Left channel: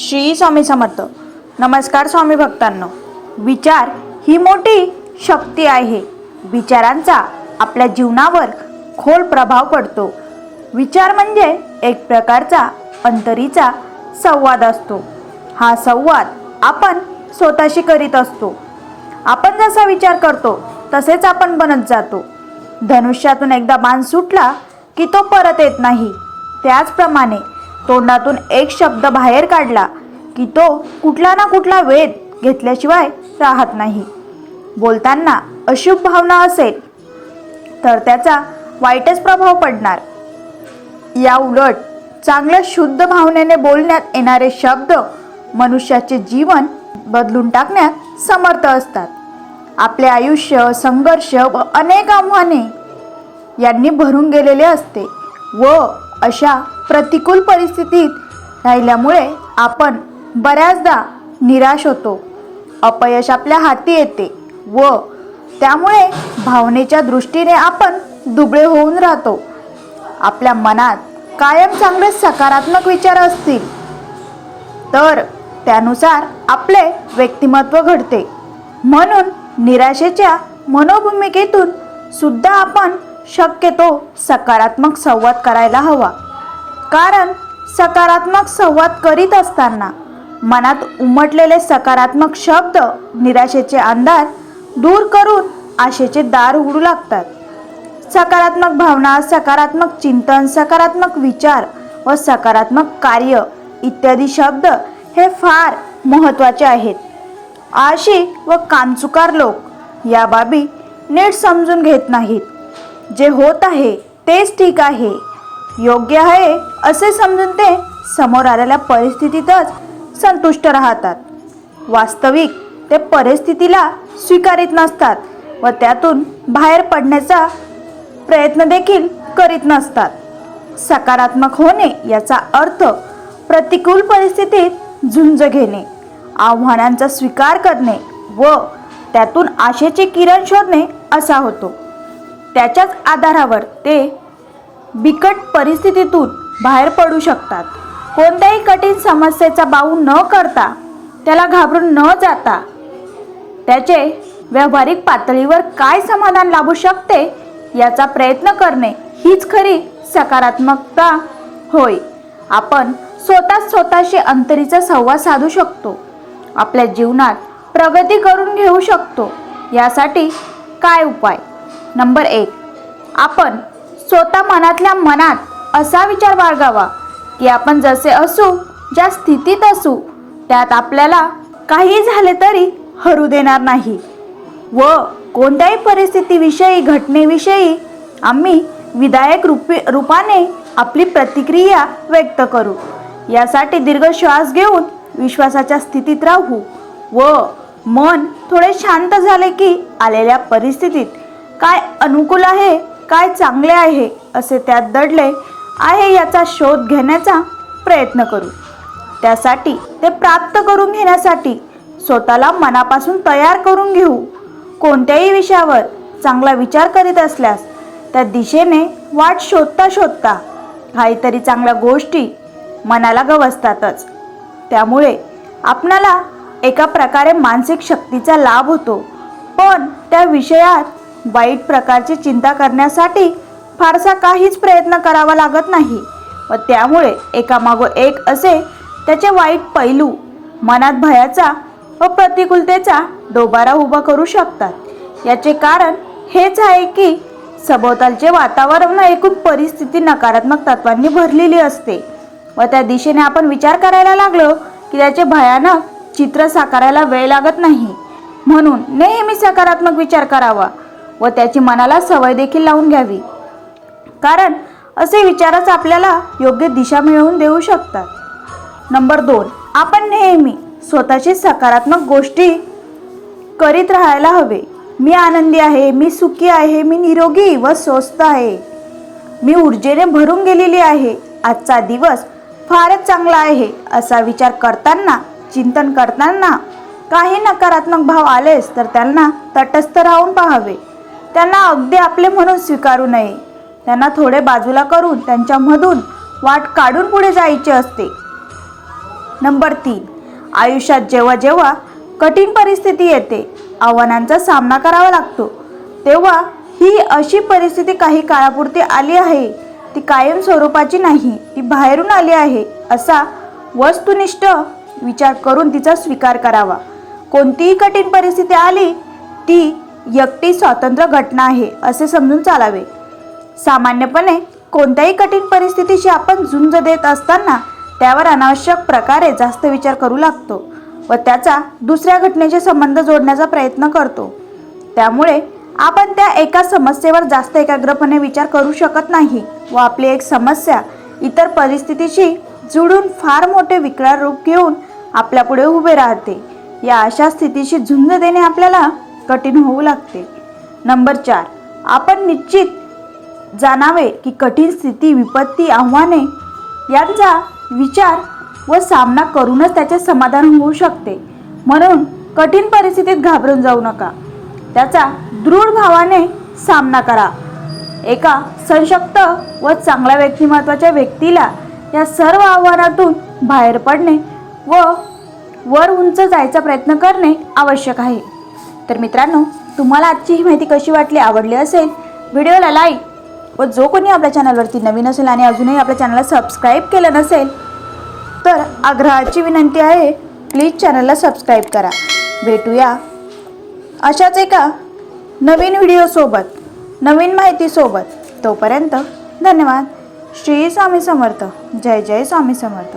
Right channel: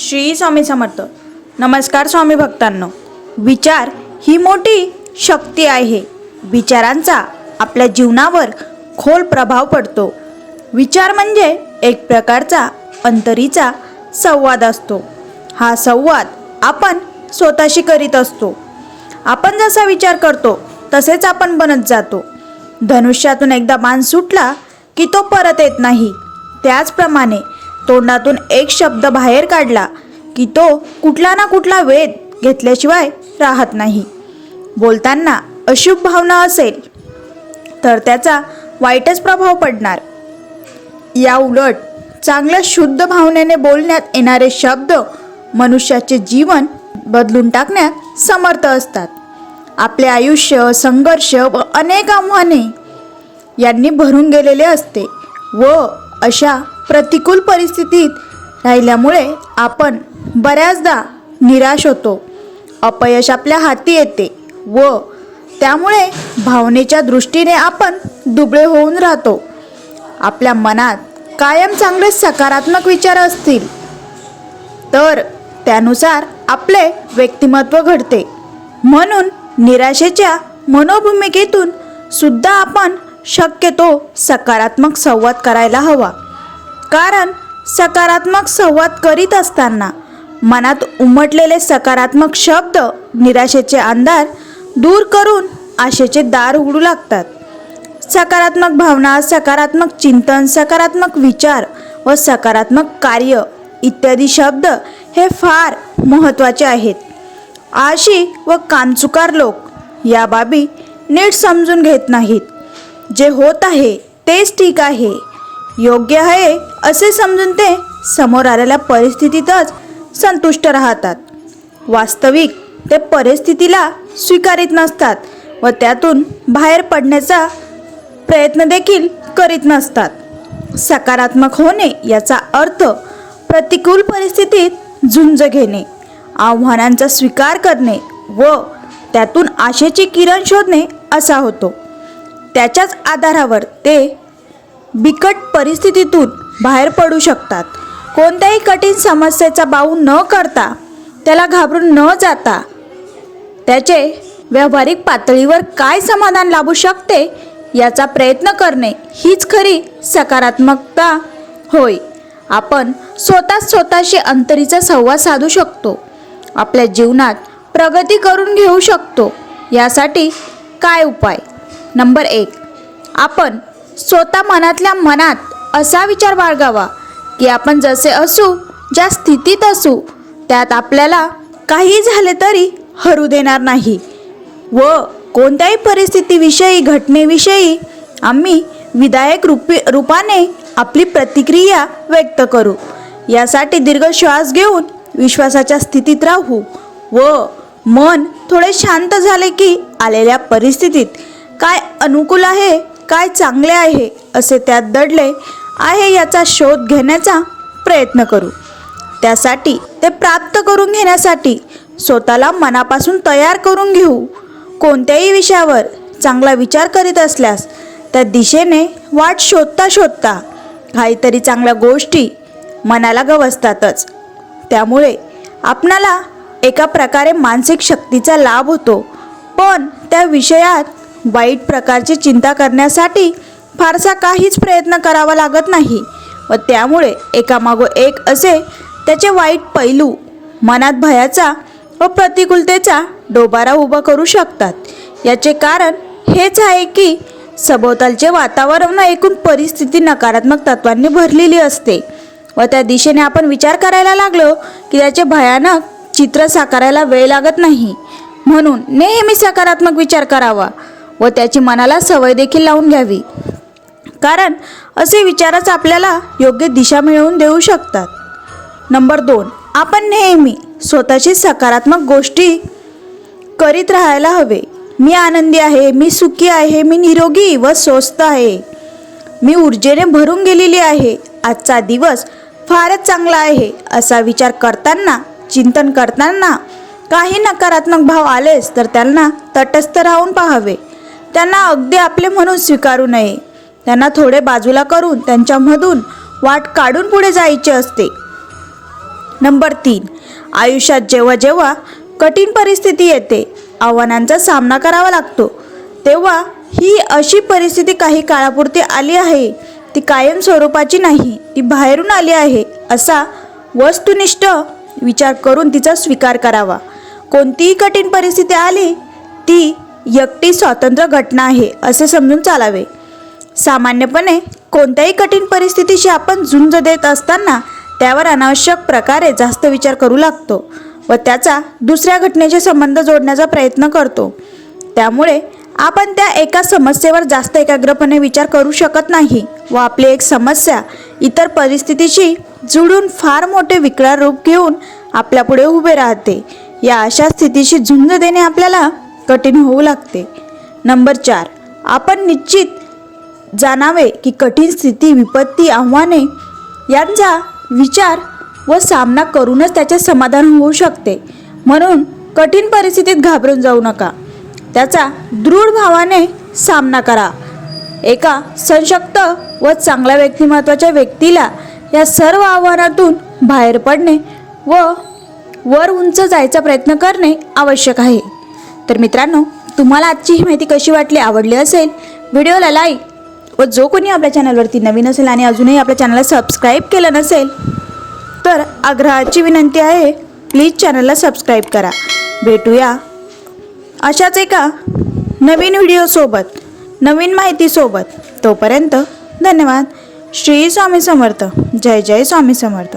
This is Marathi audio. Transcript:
श्री स्वामी समर्थ. नमस्कार स्वामी भक्तांनो. विचार ही मोठी शक्ती आहे. विचारांचा आपल्या जीवनावर खोल प्रभाव पडतो. विचार म्हणजे एक प्रकारचा अंतरीचा संवाद असतो. हा संवाद आपण स्वतःशी करीत असतो. आपण जसा विचार करतो तसेच आपण बनत जातो. धनुष्यातून एकदा बाण सुटला की तो परत येत नाही. त्याचप्रमाणे तोंडातून एक शब्द बाहेर काढला की तो कुठला ना कुठला वेध घेतल्याशिवाय राहत नाही. बोलताना अशुभ भावना असेल तर त्याचा वाईटच प्रभाव पडणार. या उलट चांगल्या शुद्ध भावनेने बोलण्यात येणारे शब्द मनुष्याचे जीवन बदलून टाकण्यात समर्थ असतात. आपले आयुष्य संघर्ष व अनेक आव्हाने यांनी भरून गेलेले असते व अशा प्रतिकूल परिस्थितीत राहिल्यामुळे आपण बऱ्याचदा निराश होतो. अपयश आपल्या हाती येते व त्यामुळे भावनेच्या दृष्टीने आपण दुबळे होऊन राहतो. आपल्या मनात कायम चांगले सकारात्मक विचार असतील तर त्यानुसार आपले व्यक्तिमत्व घडते. म्हणून निराशेच्या मनोभूमिकेतून सुद्धा आपण शक्यतो सकारात्मक संवाद करायला हवा. कारण सकारात्मक संवाद करीत असताना मनात उमटलेले सकारात्मक शब्द निराशेचे अंधार दूर करून आशेचे दार उघडू लागतात. सकारात्मक भावना, सकारात्मक चिंतन, सकारात्मक विचार व सकारात्मक कार्य इत्यादी शब्द हे फार महत्त्वाचे आहेत. आळशी व कामचुकार लोक या बाबी नीट समजून घेत नाहीत. जे होत आहे तेच ठीक आहे, योग्य आहे असे समजून ते समोर आलेल्या परिस्थितीतच संतुष्ट राहतात. वास्तविक ते परिस्थितीला स्वीकारित नसतात व त्यातून बाहेर पडण्याचा प्रयत्न देखील करीत नसतात. सकारात्मक होणे याचा अर्थ प्रतिकूल परिस्थितीत झुंज घेणे, आव्हानांचा स्वीकार करणे व त्यातून आशेचे किरण शोधणे असा होतो. त्याच्याच आधारावर ते बिकट परिस्थितीतून बाहेर पडू शकतात. कोणत्याही कठीण समस्येचा बाऊ न करता, त्याला घाबरून न जाता त्याचे व्यावहारिक पातळीवर काय समाधान लाभू शकते याचा प्रयत्न करणे हीच खरी सकारात्मकता होय. आपण स्वतःशी अंतरीचा संवाद साधू शकतो. आपल्या जीवनात प्रगती करून घेऊ शकतो. यासाठी काय उपाय? नंबर 1, आपण स्वतः मनातल्या मनात असा विचार बाळगावा की आपण जसे असू, ज्या स्थितीत असू त्यात आपल्याला काही झाले तरी हरू देणार नाही व कोणत्याही परिस्थितीविषयी, घटनेविषयी आम्ही विधायक रूपाने आपली प्रतिक्रिया व्यक्त करू. यासाठी दीर्घ श्वास घेऊन विश्वासाच्या स्थितीत राहू व मन थोडे शांत झाले की आलेल्या परिस्थितीत काय अनुकूल आहे, काय चांगले आहे असे त्यात दडले आहे याचा शोध घेण्याचा प्रयत्न करू. त्यासाठी ते प्राप्त करून घेण्यासाठी स्वतःला मनापासून तयार करून घेऊ. कोणत्याही विषयावर चांगला विचार करीत असल्यास त्या दिशेने वाट शोधता शोधता काहीतरी चांगल्या गोष्टी मनाला गवसतातच. त्यामुळे आपणाला एका प्रकारे मानसिक शक्तीचा लाभ होतो. पण त्या विषयात वाईट प्रकारची चिंता करण्यासाठी फारसा काहीच प्रयत्न करावा लागत नाही व त्यामुळे एकामागोमाग एक असे त्याचे वाईट पैलू मनात भयाचा व प्रतिकूलतेचा डोबारा उभा करू शकतात. याचे कारण हेच आहे की सभोवतालचे वातावरण एकूण परिस्थिती नकारात्मक तत्वांनी भरलेली असते व त्या दिशेने आपण विचार करायला लागलो की त्याचे भयानक चित्र साकारायला वेळ लागत नाही. म्हणून नेहमी सकारात्मक विचार करावा व त्याची मनाला सवय देखील लावून घ्यावी. कारण असे विचारच आपल्याला योग्य दिशा मिळवून देऊ शकतात. नंबर 2, आपण नेहमी स्वतःची सकारात्मक गोष्टी करीत राहायला हवे. मी आनंदी आहे, मी सुखी आहे, मी निरोगी व स्वस्थ आहे, मी ऊर्जेने भरून गेलेली आहे, आजचा दिवस फारच चांगला आहे असा विचार करताना, चिंतन करताना काही नकारात्मक भाव आलेच तर त्यांना तटस्थ राहून पाहावे. त्यांना अगदी आपले म्हणून स्वीकारू नये. त्यांना थोडे बाजूला करून त्यांच्यामधून वाट काढून पुढे जायचे असते. नंबर 3, आयुष्यात जेव्हा जेव्हा कठीण परिस्थिती येते, आव्हानांचा सामना करावा लागतो, तेव्हा ही अशी परिस्थिती काही काळापुरती आली आहे, ती कायम स्वरूपाची नाही, ती बाहेरून आली आहे, असा वस्तुनिष्ठ विचार करून तिचा स्वीकार करावा. कोणतीही कठीण परिस्थिती आली ती एकटी स्वतंत्र घटना आहे असे समजून चालावे. सामान्यपणे कोणत्याही कठीण परिस्थितीशी आपण झुंज देत असताना त्यावर अनावश्यक प्रकारे जास्त विचार करू लागतो व त्याचा दुसऱ्या घटनेचे संबंध जोडण्याचा प्रयत्न करतो. त्यामुळे आपण त्या एका समस्येवर जास्त एकाग्रपणे विचार करू शकत नाही व आपली एक समस्या इतर परिस्थितीशी जुळून फार मोठे विकराळ रूप घेऊन आपल्यापुढे उभे राहते. या अशा स्थितीशी झुंज देणे आपल्याला कठीण होऊ लागते. नंबर 4, आपण निश्चित जाणावे की कठीण स्थिती, विपत्ती, आव्हाने यांचा विचार व सामना करूनच त्याचे समाधान होऊ शकते. म्हणून कठीण परिस्थितीत घाबरून जाऊ नका, त्याचा दृढ भावाने सामना करा. एका सशक्त व चांगल्या व्यक्तिमत्वाच्या व्यक्तीला या सर्व आव्हानातून बाहेर पडणे व वर उंच जायचा प्रयत्न करणे आवश्यक आहे. तर मित्रांनो, तुम्हाला आजची ही माहिती कशी वाटली? आवडली असेल व्हिडिओला लाईक व जो कोणी आपल्या चॅनलवरती नवीन असेल आणि अजूनही आपल्या चॅनलला सबस्क्राईब केलं नसेल तर आग्रहाची विनंती आहे, प्लीज चॅनलला सबस्क्राईब करा. भेटूया अशाच एका नवीन व्हिडिओसोबत, नवीन माहितीसोबत. तोपर्यंत धन्यवाद. श्री स्वामी समर्थ. जय जय स्वामी समर्थ.